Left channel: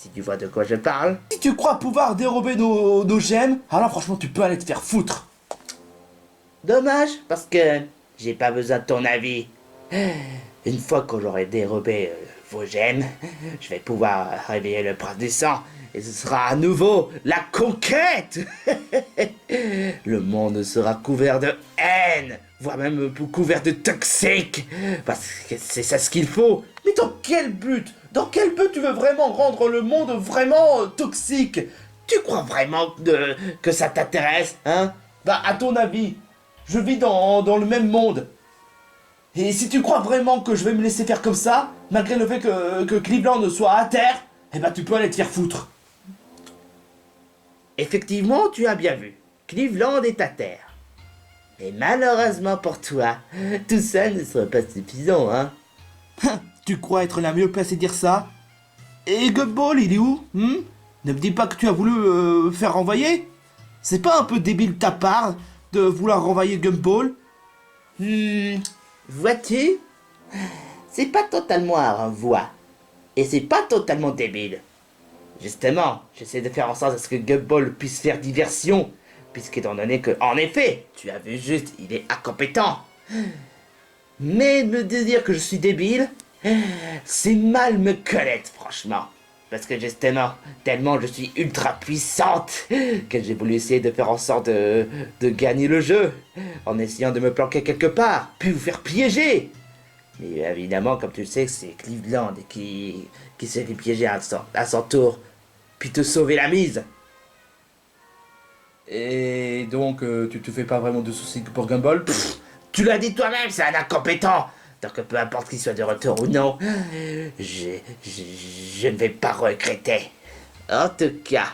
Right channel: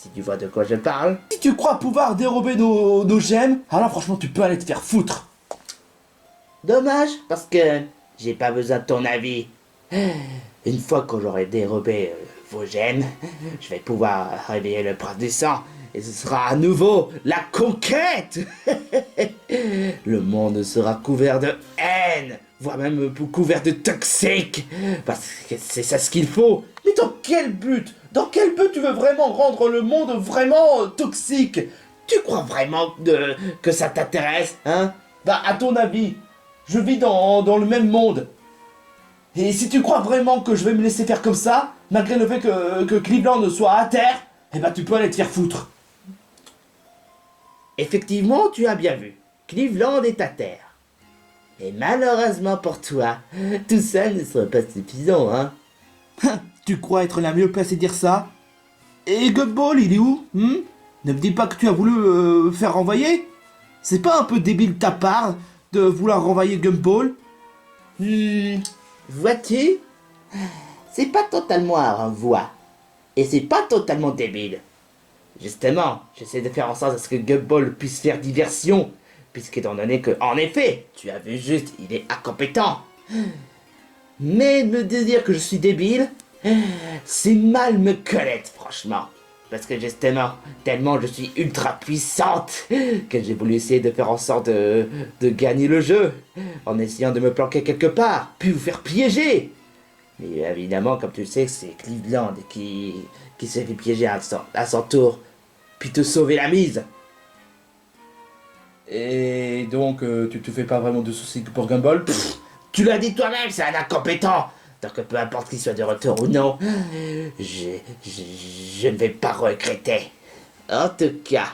si tu vois de quoi je parle. Si tu crois pouvoir dérober nos gemmes, alors franchement, tu peux aller te faire foutre. Dommage, parce que j'ai pas besoin de ton avis. Une fois que j'aurai dérobé vos gemmes, je vais pouvoir réveiller le prince du sang. Et ce sera à nouveau la conquête. Le monde sera couvert de haine, voire même couvert de toxiques. Parce que c'est ça ce qu'il faut. Mais dans quel but? Dans quel but tu veux vraiment rendre le monde vraiment toxique? Tu crois vraiment que ça t'intéresse, hein? Bah, à ton avis, je vis dans le même monde. Et si tu crois vraiment que je vais me laisser faire comme ça, malgré le fait que Cleveland soit à terre, eh ben tu peux aller te faire foutre. Effectivement, tu as bien vu. Cleveland est à terre. Mais malheureusement pour toi, tout ça ne sera pas suffisant, hein? Tu crois être la mieux placée à dire ça? Et Gumball, il est où? Ne me dis pas que tu as voulu faire renvoyer? C'est pas un peu débile de ta part de vouloir renvoyer Gumball? Vois-tu? C'est pas totalement un renvoi. Et c'est pas totalement débile. Justement, j'essaie de faire en sorte à ce que Gumball puisse faire diversion. Puisqu'étant donné que, en effet, tu as vu juste, il est incompétent. Mais me dire que je suis débile, c'est mal me connaître, franchement. Parce que justement, tellement je suis ultra puissante, que j'ai voulu essayer de faire en sorte de gagner le jeu, en essayant de me planquer quelque part, puis vous faire piéger. Mais évidemment, comme tu le sais, c'est Cleveland qui s'est fait piéger à son tour, puis te sauver la mise. Et donc, tu te fais pas vraiment de soucis pour Gumball? Tu l'as dit toi-même, c'est un incompétent. Donc peu importe qu'il soit de retour ou non, je ne vais pas regretter. En tout cas,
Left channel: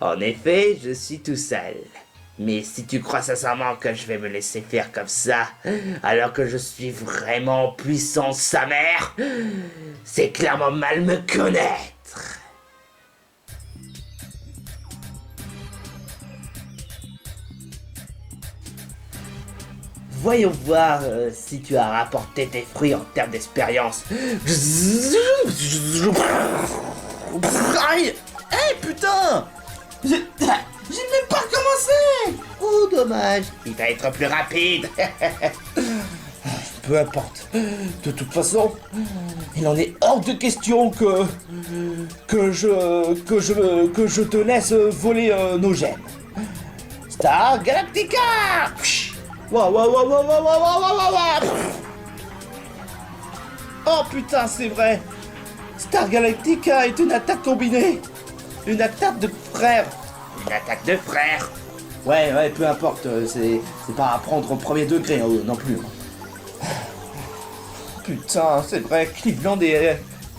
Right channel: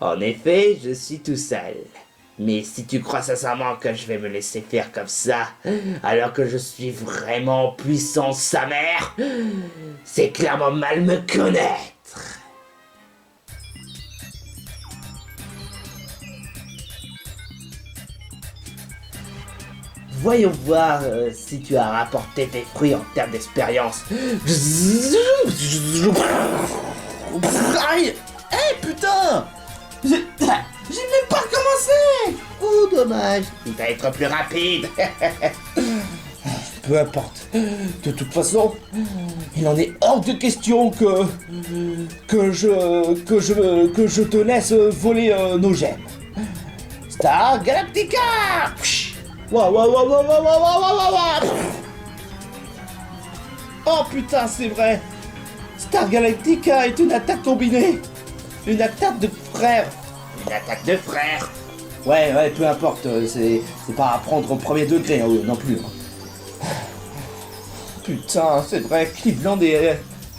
en effet, je suis tout seul. Mais si tu crois sincèrement que je vais me laisser faire comme ça, alors que je suis vraiment puissant sa mère, c'est clairement mal me connaître. Voyons voir si tu as rapporté tes fruits en termes d'expérience. Aïe! Eh putain! J'ai même pas commencé! Oh dommage, il va être plus rapide. Peu importe. De toute façon, il en est hors de question que je te laisse voler nos gemmes. Star Galactica! Waouh, waouh, waouh, waouh, waouh, waouh, waouh, waouh. Oh putain, c'est vrai. Star Galactica est une attaque combinée. Une attaque de frère. Une attaque de frère. Ouais, peu importe. C'est pas à prendre au premier degré hein, non plus. Putain, c'est vrai, Cleveland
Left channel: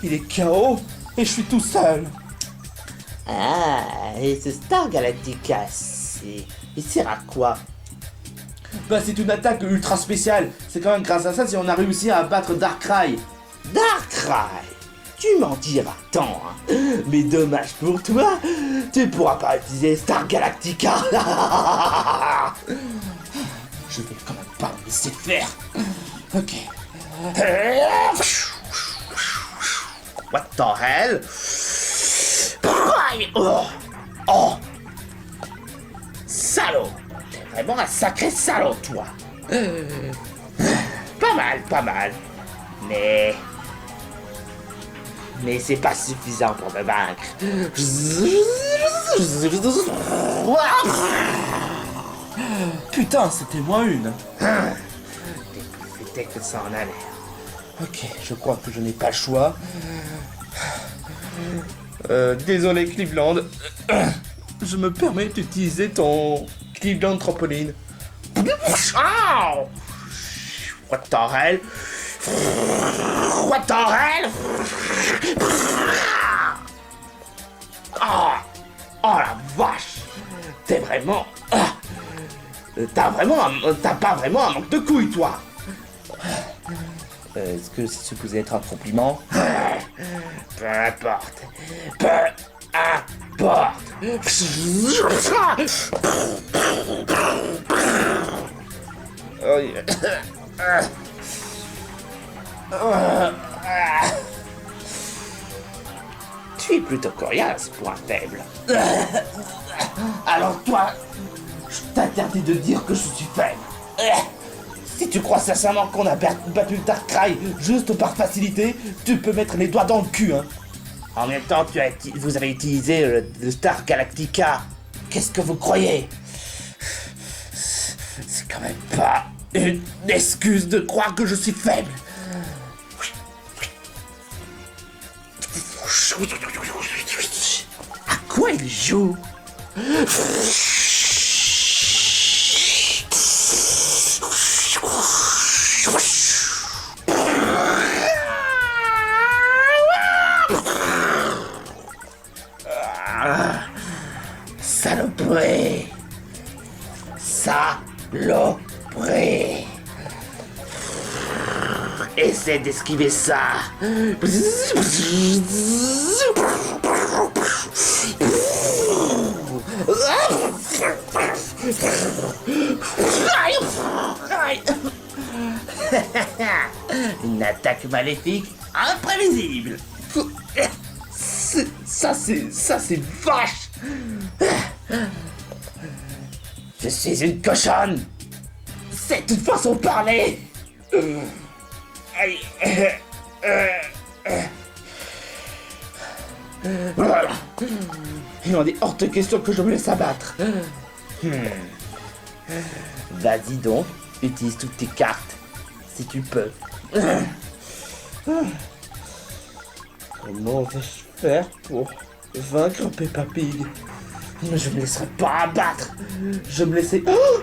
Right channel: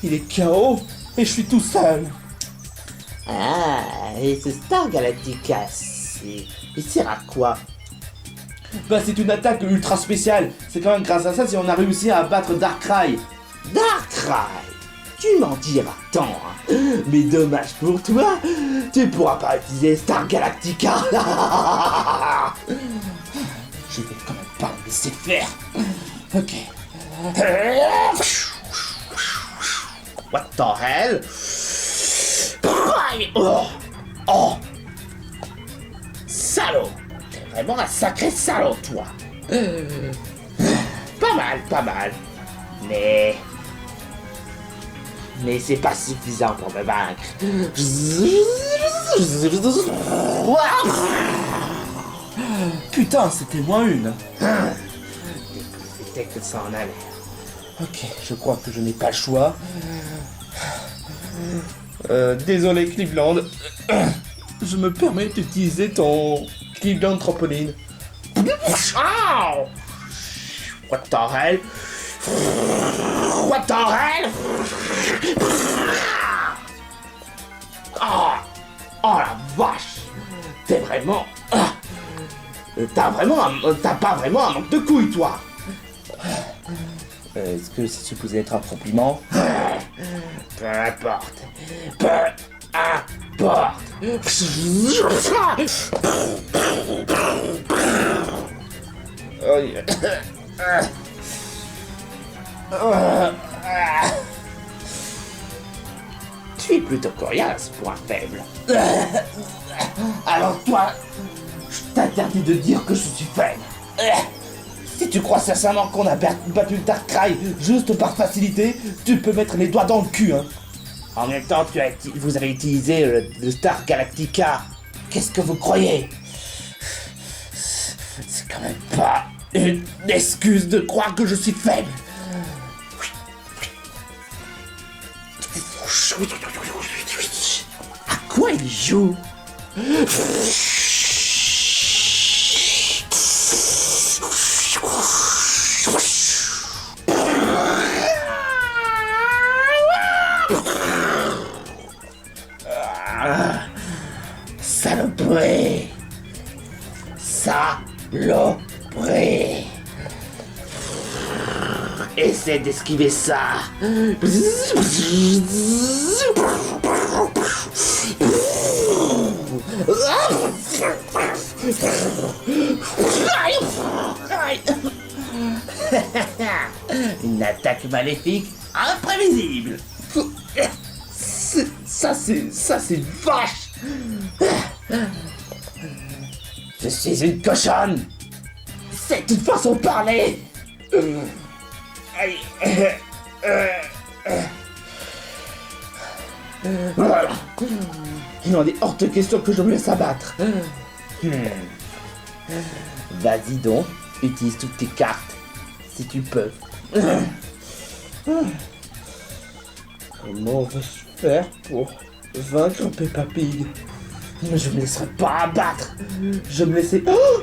il est KO et je suis tout seul. Ah, et ce Star Galactica, il sert à quoi? Bah c'est une attaque ultra spéciale. C'est quand même grâce à ça si on a réussi à battre Darkrai. Darkrai? Tu m'en diras tant, hein. Mais dommage pour toi, tu pourras pas utiliser Star Galactica. Je vais quand même pas me laisser faire. Ok. What the hell? Oh, oh. Salaud! T'es vraiment un sacré salaud, toi! Pas mal. Mais c'est pas suffisant pour me vaincre. Putain, c'était moins une. C'était que ça en allait. Ok, je crois que je n'ai pas le choix. Désolé Cleveland. Je me permets d'utiliser ton Cleveland trampoline. Oh! What the hell? What the hell? Oh! Oh la vache! T'es vraiment... T'as pas vraiment un manque de couilles, toi! Est-ce que c'est supposé être un compliment? Peu importe. Peu importe. Oh, yeah. suis plutôt coriace pour un faible. Alors toi, je t'interdis de dire que je suis faible. Si tu crois sincèrement qu'on a battu le Darkrai juste par facilité, tu peux mettre les doigts dans le cul, hein. En même temps, vous avez utilisé le Star Galactica. Qu'est-ce que vous croyez? C'est quand même pas une excuse de croire que je suis faible. À quoi il joue? Saloperie! Saloperie! Essaie d'esquiver ça! Une attaque maléfique imprévisible! Ça c'est vache! Je suis une cochonne! C'est une façon de parler! Voilà. Il en est hors de question que je me laisse abattre. Vas-y donc, utilise toutes tes cartes, si tu peux. Comment vais-je faire pour vaincre Peppa Pig? Je me laisserai pas abattre. Je me laisserai... Oh!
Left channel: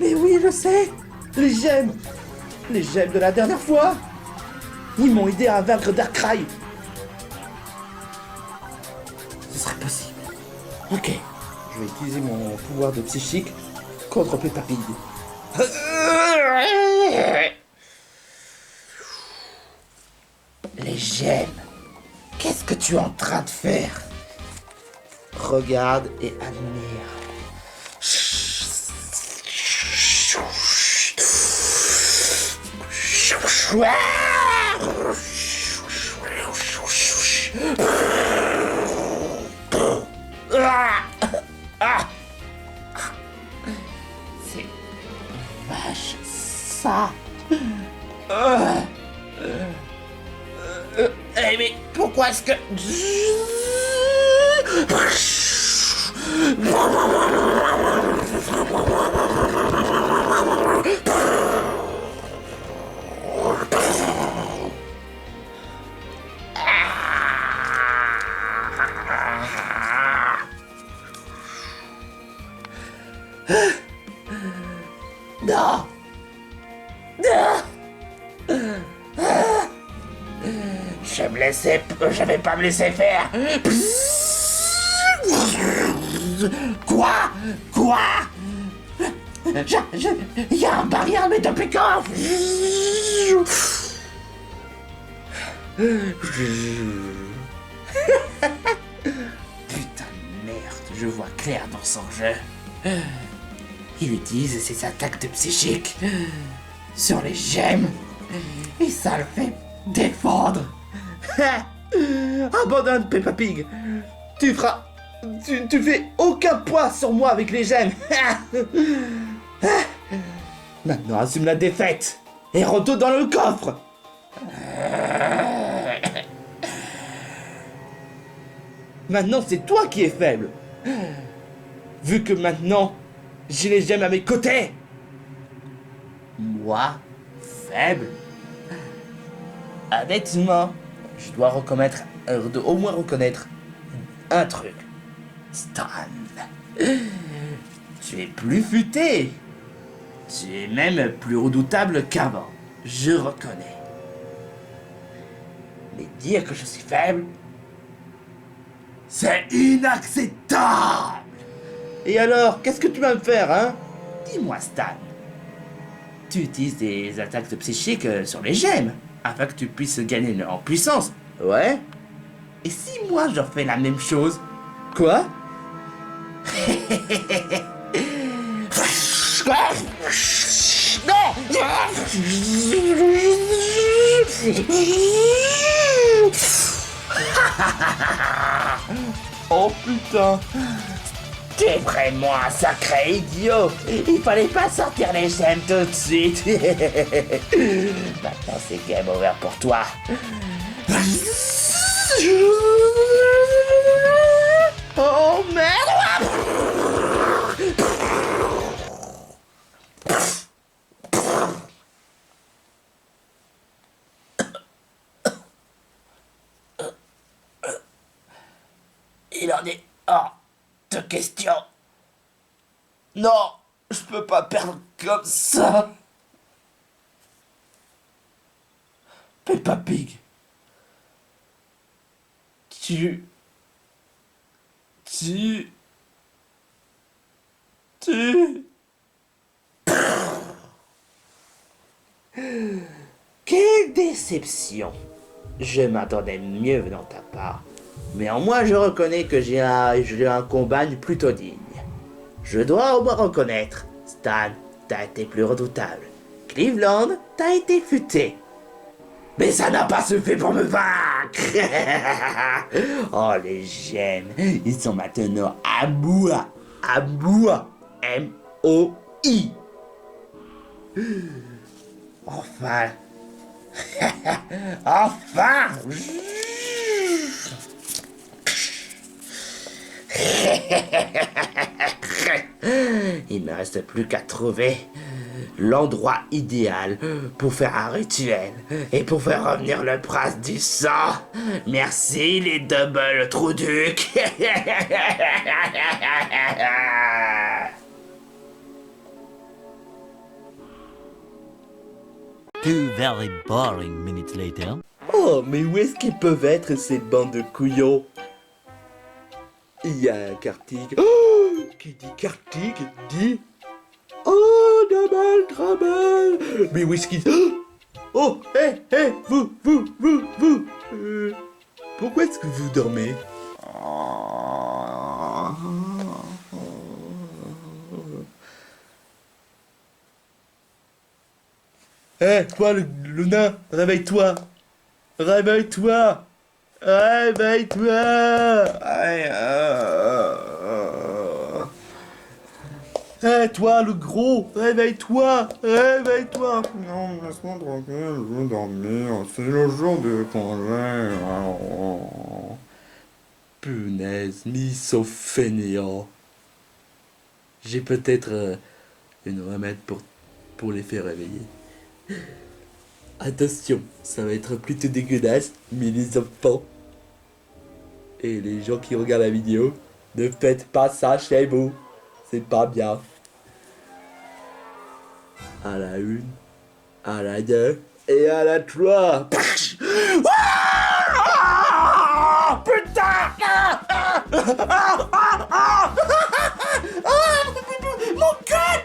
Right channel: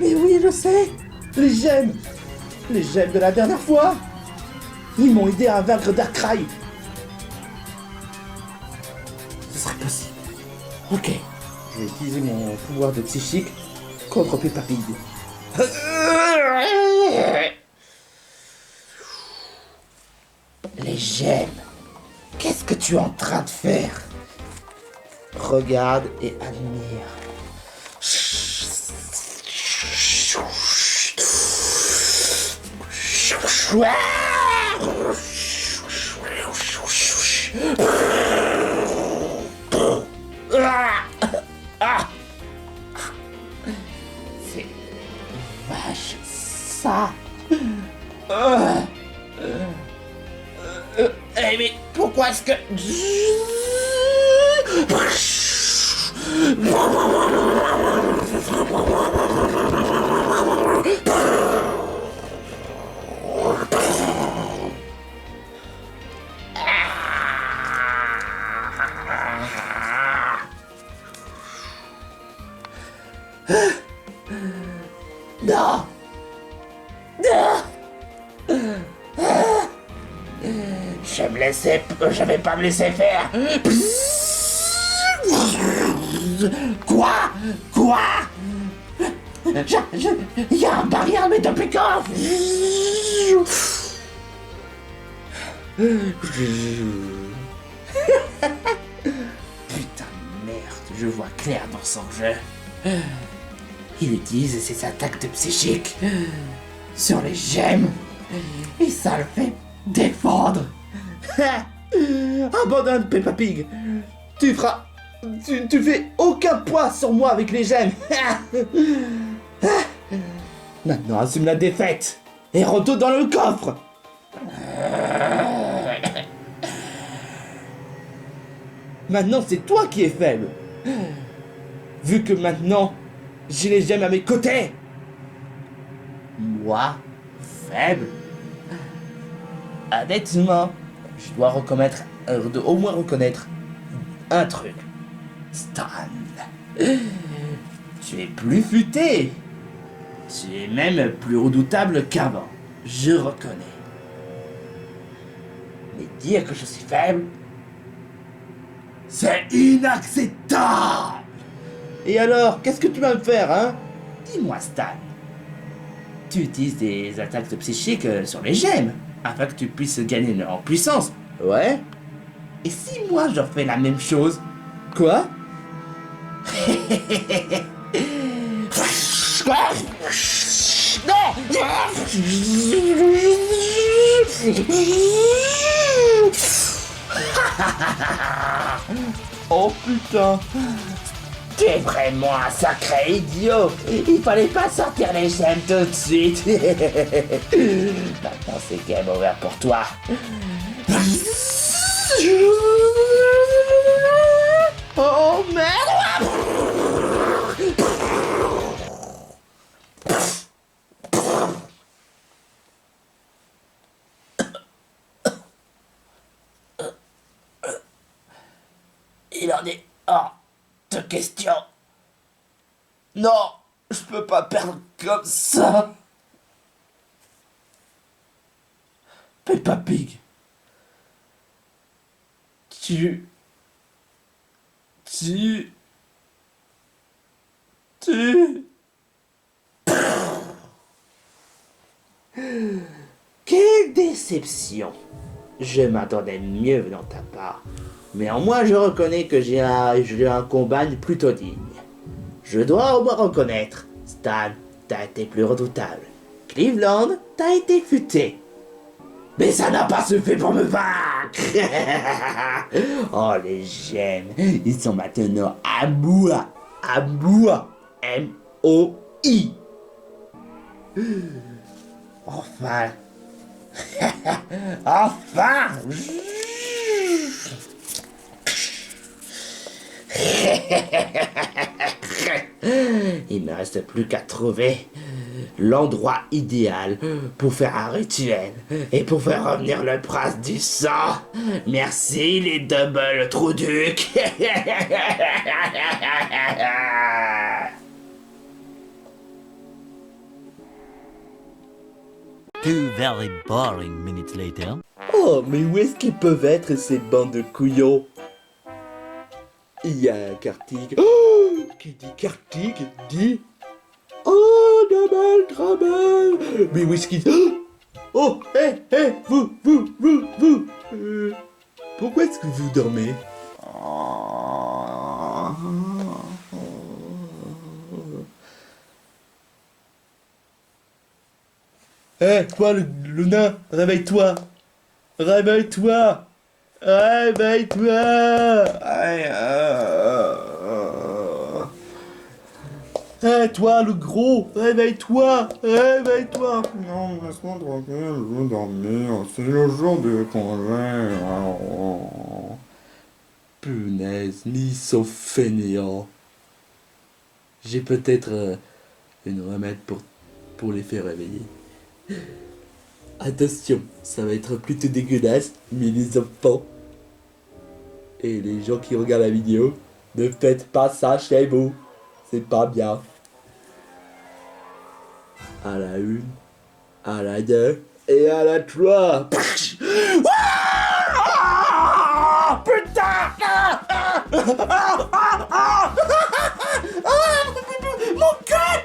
Mais oui, je sais. Les gemmes de la dernière fois. Ils m'ont aidé à vaincre Darkrai. Ce serait possible. Ok. Je vais utiliser mon pouvoir de psychique contre Peppa Pig. Les gemmes. Qu'est-ce que tu es en train de faire? Regarde et admire. C'est vache ça. Mais pourquoi est-ce que... Non. Je vais pas me laisser faire. Quoi? Il y a un barrière mais depuis quand? Putain de merde, je vois clair dans son jeu. Il utilise ses attaques de psychique sur les gemmes et ça le fait défendre. Abandonne Peppa Pig. Tu fais aucun poids sur moi avec les gemmes. Maintenant assume la défaite et retourne dans le coffre. Maintenant c'est toi qui es faible. Vu que maintenant j'ai les gemmes à mes côtés. Moi, faible? Honnêtement, je dois au moins reconnaître un truc. Stan, tu es plus futé. Tu es même plus redoutable qu'avant. Je reconnais. Mais dire que je suis faible, c'est inacceptable. Et alors, qu'est-ce que tu vas me faire, hein? Dis-moi, Stan. Tu utilises des attaques de psychique sur les gemmes, afin que tu puisses gagner en puissance. Ouais. Et si moi je fais la même chose? Quoi? Non! Oh putain. T'es vraiment un sacré idiot. Il fallait pas sortir les gemmes tout de suite. Maintenant c'est game over pour toi. Oh merde. Il en est hors de question. Non, je peux pas perdre comme ça. Peppa Pig. Tu... Quelle déception. Je m'attendais mieux venant de ta part. Néanmoins, je reconnais que j'ai eu un combat plutôt digne. Je dois au moins reconnaître, Stan, t'as été plus redoutable. Cleveland, t'as été futé. Mais ça n'a pas suffi pour me vaincre. Oh, les gemmes, ils sont maintenant à moi. À moi. M-O-I. Enfin. Enfin. Il ne me reste plus qu'à trouver l'endroit idéal pour faire un rituel et pour faire revenir le prince du sang. Merci les double Trouduc. Two very boring minutes later. Oh, mais où est-ce qu'ils peuvent être ces bandes de couillons? Il y a Kartik. Oh, qui dit Kartik dit... Oh, Double Trouble. Mais où est-ce qu'ils... Oh, hé, vous. Pourquoi est-ce que vous dormez? Hé, toi, le nain, réveille-toi. Réveille-toi. Hé, toi, le gros, réveille-toi. Non, laisse-moi tranquille, je veux dormir. C'est le jour de congé. Punaise, mis sauf fainéant. J'ai peut-être une remède pour les faire réveiller. Attention, ça va être plutôt dégueulasse, mais les enfants et les gens qui regardent la vidéo, ne faites pas ça chez vous. C'est pas bien. À la 1, à la 2 et à la 3. Putain! Mon cul!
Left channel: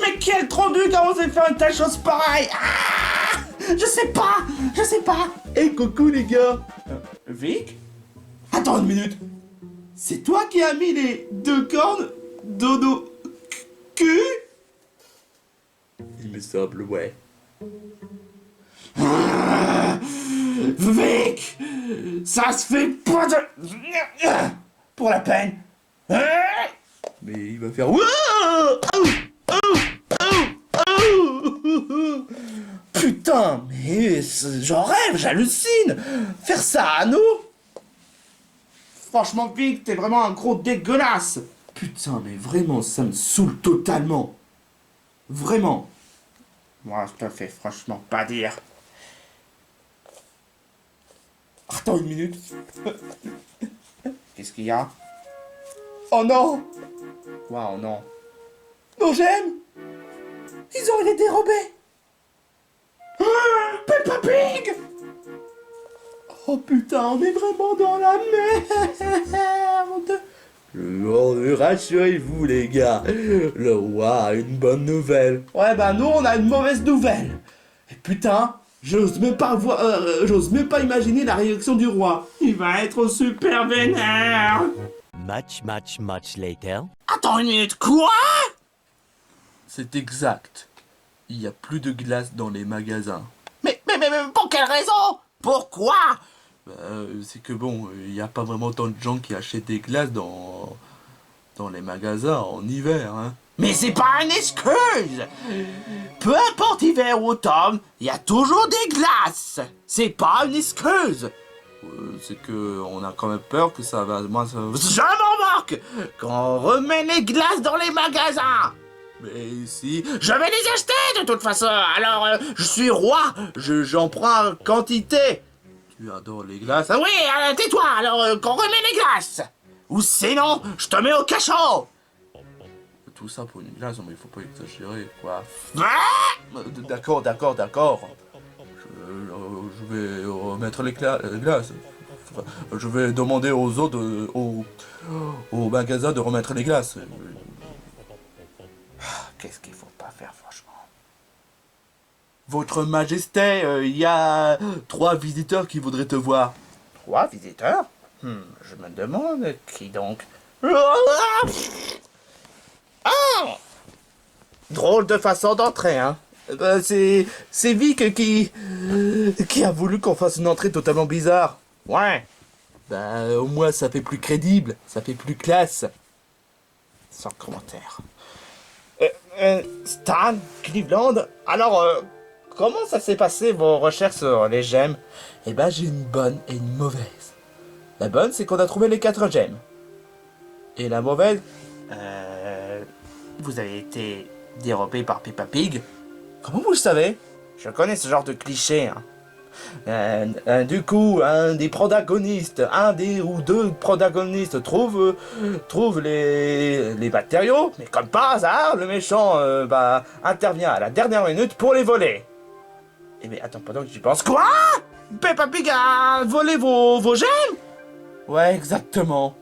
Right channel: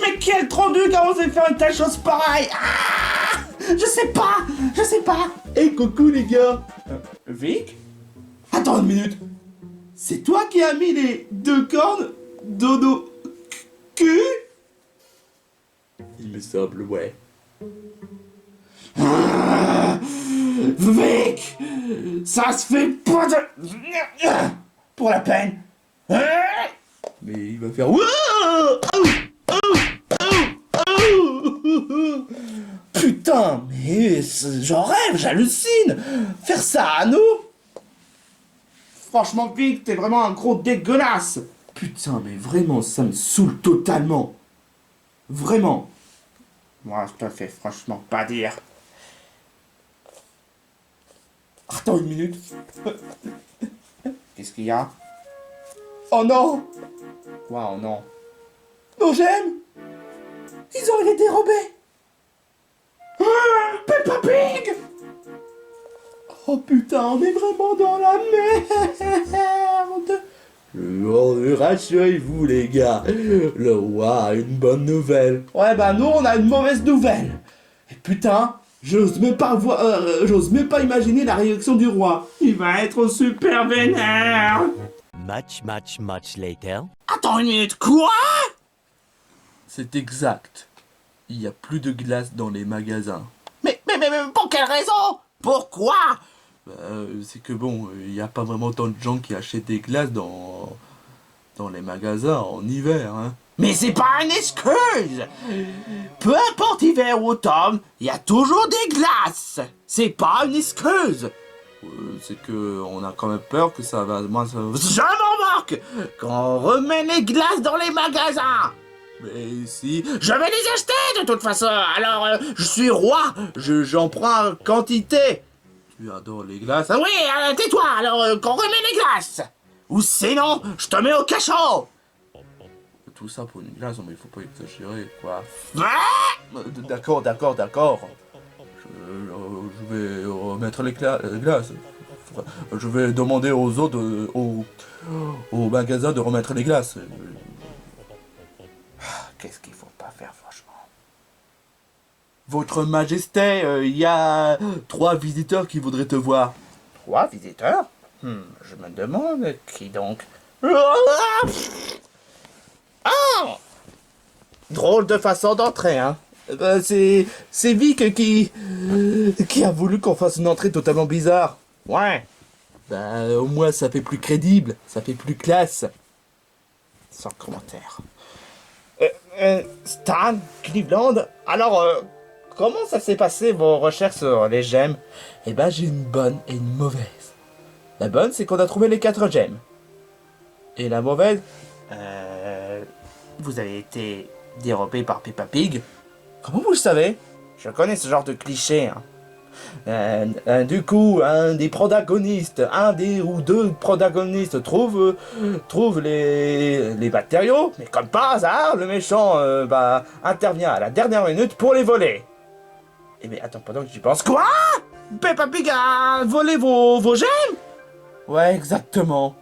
Mais quel Trouduc a osé faire une telle chose pareille? Je sais pas. Et coucou les gars. Vic? Attends une minute. C'est toi qui as mis les 2 cornes dodo cul? Il me semble, ouais. Vic! Ça se fait pas de... Pour la peine. Mais il va faire... Putain, mais j'en rêve, j'hallucine. Faire ça à nous? Franchement, Vic, t'es vraiment un gros dégueulasse. Putain, mais vraiment, ça me saoule totalement. Vraiment. Moi, je te fais franchement pas dire. Attends une minute. Qu'est-ce qu'il y a? Oh non! Quoi, oh non? Nos gemmes! Ils ont été dérobés! Peppa Pig! Oh putain, on est vraiment dans la merde! Rassurez-vous les gars, le roi a une bonne nouvelle. Ouais bah nous on a une mauvaise nouvelle. Et putain, j'ose même pas imaginer la réaction du roi. Il va être super vénère. Much later. Attends une minute, quoi? C'est exact. Il y a plus de glace dans les magasins. Mais mais pour quelle raison? Pourquoi? C'est que bon, il n'y a pas vraiment tant de gens qui achètent des glaces dans les magasins en hiver, hein. Mais c'est pas une excuse! Peu importe hiver ou automne, il y a toujours des glaces! C'est pas une excuse! C'est que on a quand même peur que ça va... Je m'en moque! Qu'on remet les glaces dans les magasins! Mais si... Je vais les acheter de toute façon! Alors, je suis roi! J'en prends en quantité! Tu adores les glaces. Ah oui, tais-toi! Alors, qu'on remet les glaces! Ou sinon, je te mets au cachot! Tout ça pour une glace, mais il faut pas exagérer, quoi. Ah! D'accord. Je vais remettre les glaces. Je vais demander aux autres, au magasin de remettre les glaces. Qu'est-ce qu'il faut pas faire, franchement? Votre Majesté, il y a 3 visiteurs qui voudraient te voir. 3 visiteurs? Je me demande qui donc. Ah! Drôle de façon d'entrer, hein. C'est Vic qui a voulu qu'on fasse une entrée totalement bizarre. Ouais. Au moins ça fait plus crédible, ça fait plus classe. Sans commentaire. Stan, Cleveland, alors, comment ça s'est passé vos recherches sur les gemmes? Eh ben j'ai une bonne et une mauvaise. La bonne c'est qu'on a trouvé les 4 gemmes. Et la mauvaise, Vous avez été dérobé par Peppa Pig? comment vous le savez? Je connais ce genre de cliché, hein. Du coup, un des protagonistes, un des ou deux protagonistes trouve les matériaux, mais comme par hasard, le méchant intervient à la dernière minute pour les voler. Eh bien, attends, pendant que j'y pense, quoi? Peppa Pig a volé vos gemmes? Ouais, exactement.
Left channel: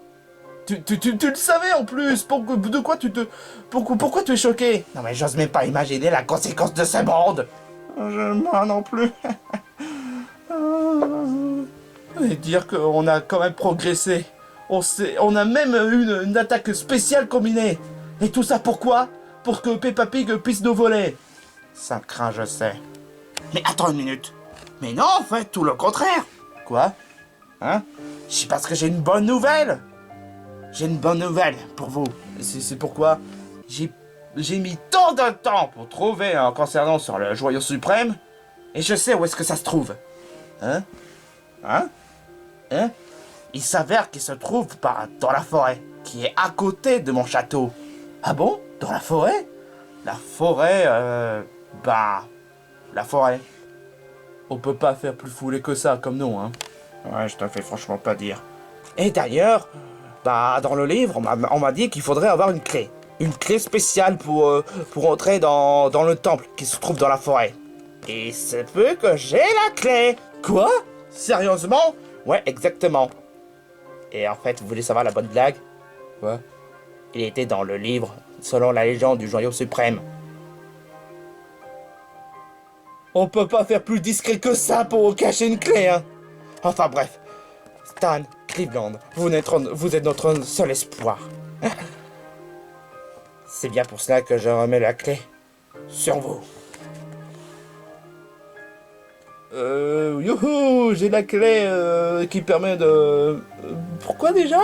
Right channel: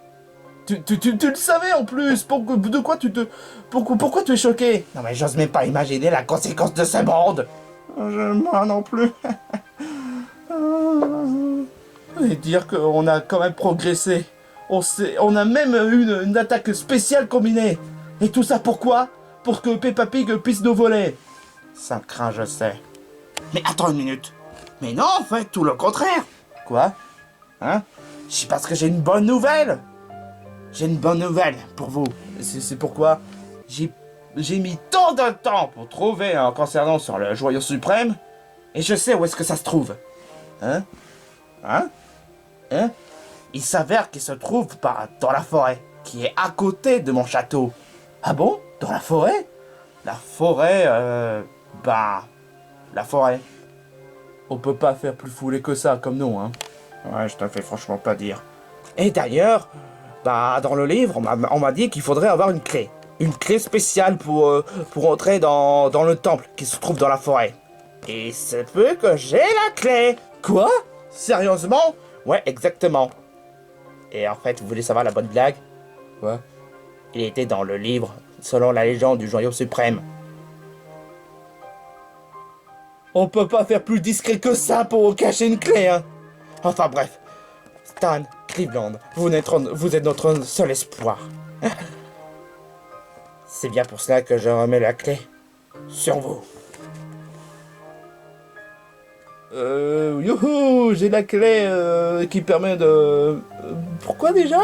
Tu le savais en plus. Pourquoi tu es choqué? Non mais j'ose même pas imaginer la conséquence de ce monde. Moi non plus. Et dire qu'on a quand même progressé. On a même eu une attaque spéciale combinée. Et tout ça pourquoi? Pour que Peppa Pig puisse nous voler. Ça craint, je sais. Mais attends une minute. Mais non, en fait, tout le contraire. Quoi? Hein? C'est parce que j'ai une bonne nouvelle. J'ai une bonne nouvelle pour vous. C'est pourquoi? J'ai mis tant de temps pour trouver un concernant sur le joyau suprême. Et je sais où est-ce que ça se trouve. Hein? Il s'avère qu'il se trouve dans la forêt, qui est à côté de mon château. Ah bon? Dans la forêt? La forêt, la forêt. On peut pas faire plus foulé que ça comme nom, hein. Ouais, je te fais franchement pas dire. Et d'ailleurs, dans le livre, on m'a dit qu'il faudrait avoir une clé. Une clé spéciale pour entrer dans le temple qui se trouve dans la forêt. Et c'est peu que j'ai la clé. Quoi? Sérieusement? Ouais, exactement. Et en fait, vous voulez savoir la bonne blague? Quoi? Il était dans le livre, selon la légende du joyau suprême. On peut pas faire plus discret que ça pour cacher une clé, hein. Enfin bref, Stan, Cleveland, vous êtes notre seul espoir. C'est bien pour cela que je remets la clé sur vous. Youhou, j'ai la clé qui permet de... Pourquoi déjà?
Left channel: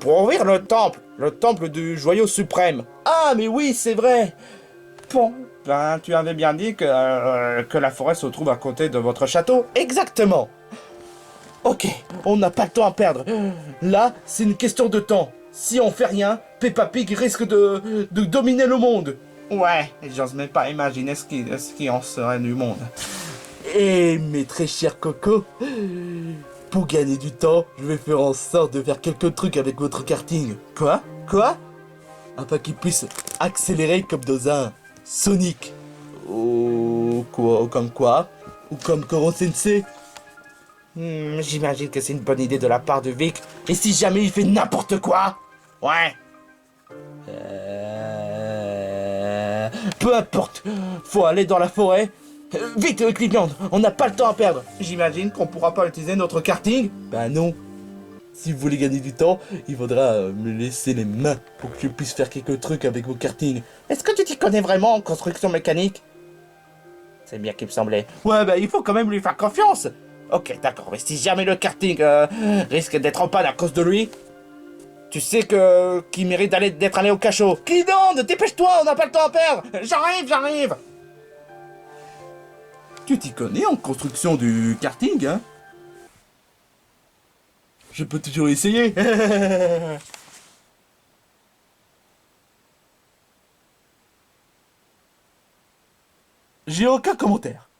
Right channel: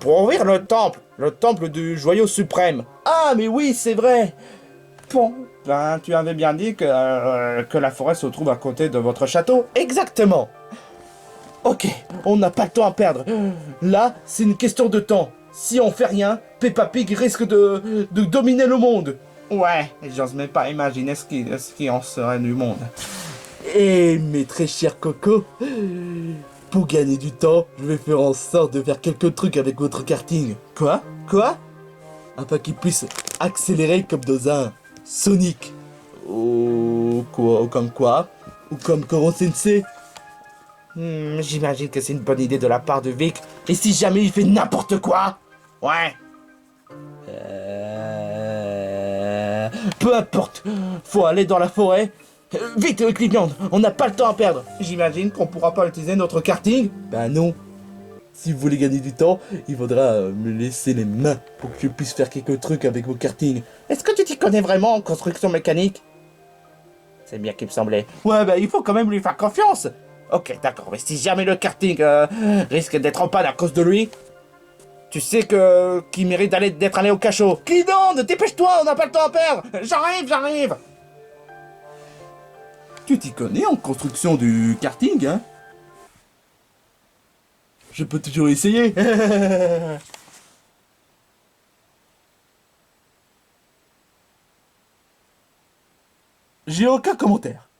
Pour ouvrir le temple du joyau suprême. Ah, mais oui, c'est vrai. Bon, tu avais bien dit que la forêt se trouve à côté de votre château. Exactement. Ok, on n'a pas le temps à perdre. Là, c'est une question de temps. Si on fait rien, Peppa Pig risque de dominer le monde. Ouais, et j'ose même pas imaginer ce qui en serait du monde. Et mes très chers cocos, pour gagner du temps, je vais faire en sorte de faire quelques trucs avec votre karting. Quoi? Afin qu'il puisse accélérer comme dans un Sonic. Ou comme quoi? Ou comme Koro Sensei? J'imagine que c'est une bonne idée de la part de Vic. Et si jamais il fait n'importe quoi? Ouais. Peu importe, faut aller dans la forêt. Vite, Cleveland, on n'a pas le temps à perdre. J'imagine qu'on pourra pas utiliser notre karting. Ben non. Si vous voulez gagner du temps, il faudra me laisser les mains pour que je puisse faire quelques trucs avec vos kartings. Est-ce que tu t'y connais vraiment en construction mécanique? C'est bien qu'il me semblait. Ouais, bah il faut quand même lui faire confiance. Ok, d'accord, mais si jamais le karting risque d'être en panne à cause de lui, tu sais qu'il mérite d'être allé au cachot. Qui donne? Dépêche-toi, on n'a pas le temps à perdre. J'arrive. Tu t'y connais en construction du karting, hein? Je peux toujours essayer. J'ai aucun commentaire.